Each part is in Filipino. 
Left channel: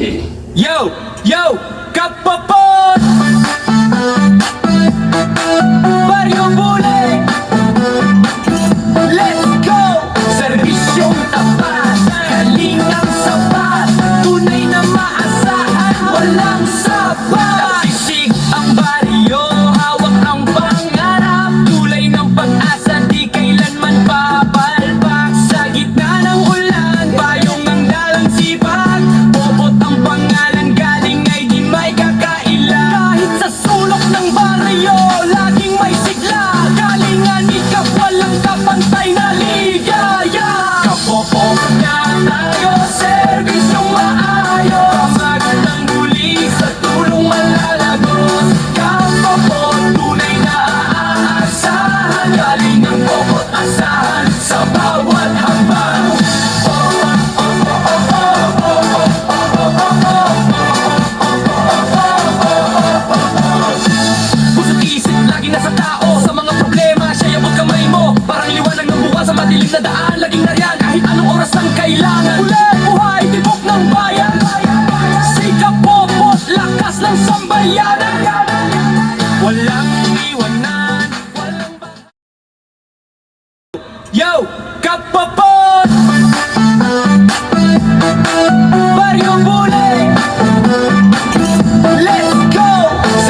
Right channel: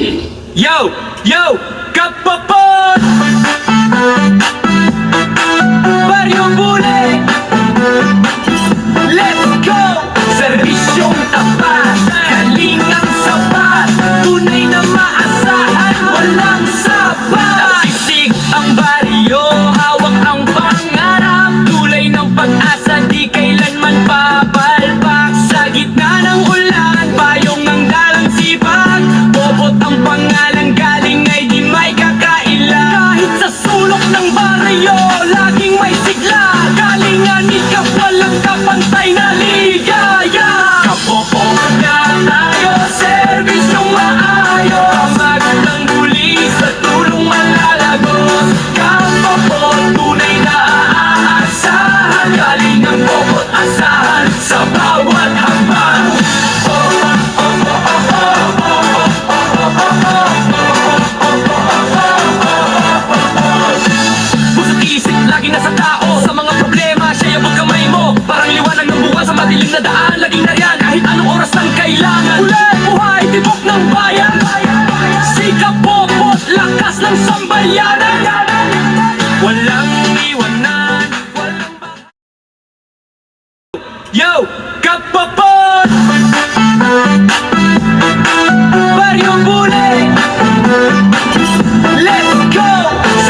Yo! Yo! Kapapon! Baryo Bulig! Let's go! Servisyong tapat, kalingang sapat, tunay na maasahan, walang sapat. Sisig ang baryo, hawak ang pangarap, tulay ng pag-asa, di kailanman papalpak. Sa gitna ng ulan, payong ang dalang sipag, bobot ang pangalan, galing ay di may kakaila. Kahit sa sulok ng baryo, laging may sigla, galingan ikap, walang kapantay na ligaya. Kapopo na tayo, serbisyong maayos, magandang muli sa tulong malalagos. Kapopo, tunay na aasahan, galing ang bobot asahan sa bawat hakbang. Puso't isip, lagi nasa tao, sa mga problema, siya yung kamay mo. Parang liwanag ng buwan sa madilim na daan, laging nariyan kahit anong oras ang kailangan. Ulan, buhay, tibok ng bayan, sikap, bobot, lakas ng sambayanan. Walang iwanan, walang Yo! Kapapon! Baryo Bulig! Let's go!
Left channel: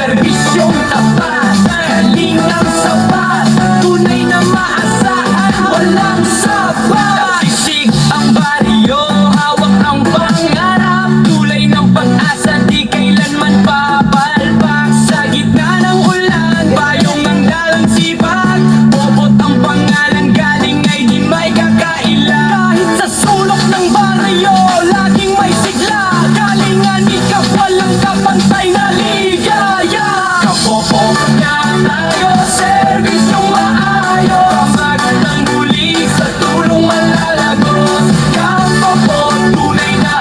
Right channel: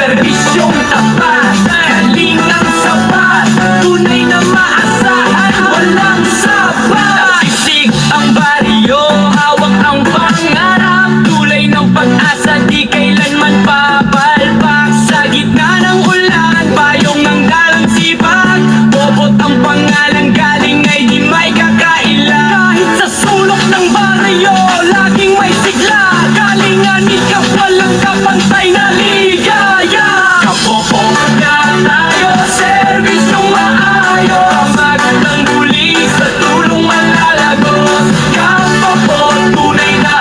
Servisyong tapat, kalingang sapat, tunay na maasahan, walang sapat. Sisig ang baryo, hawak ang pangarap, tulay ng pag-asa, di kailanman papalpak. Sa gitna ng ulan, payong ang dalang sipag, bobot ang pangalan, galing ay di may kakaila. Kahit sa sulok ng baryo, laging may sigla, galingan ikap, walang kapantay na ligaya. Kapopo na tayo, serbisyong maayos, magandang muli sa tulong malalagos. Kapopo, tunay na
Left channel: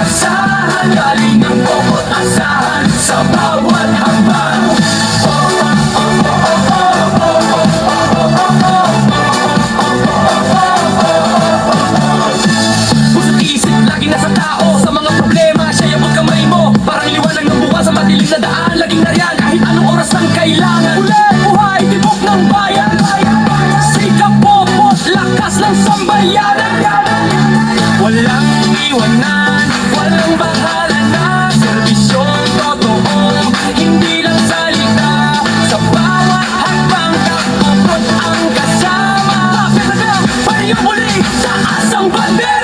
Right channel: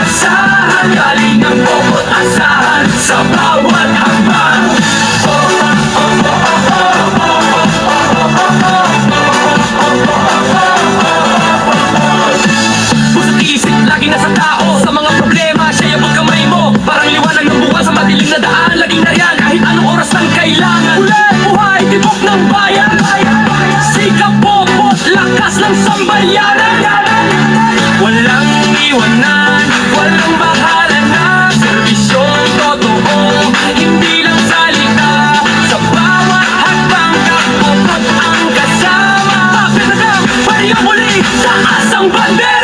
aasahan, galing ang bobot asahan sa bawat hakbang. Puso't isip, lagi nasa tao, sa mga problema, siya yung kamay mo. Parang liwanag ng buwan sa madilim na daan, laging nariyan kahit anong oras ang kailangan. Ulan, buhay, tibok ng bayan, sikap, bobot, lakas ng sambayanan. Walang iwanan, walang bahala na, serbisyong totoo, hindi lang salita. Sa bawat hakbang, kapopot ang kasama. Papinadang, baryo muli, taas ang bandera.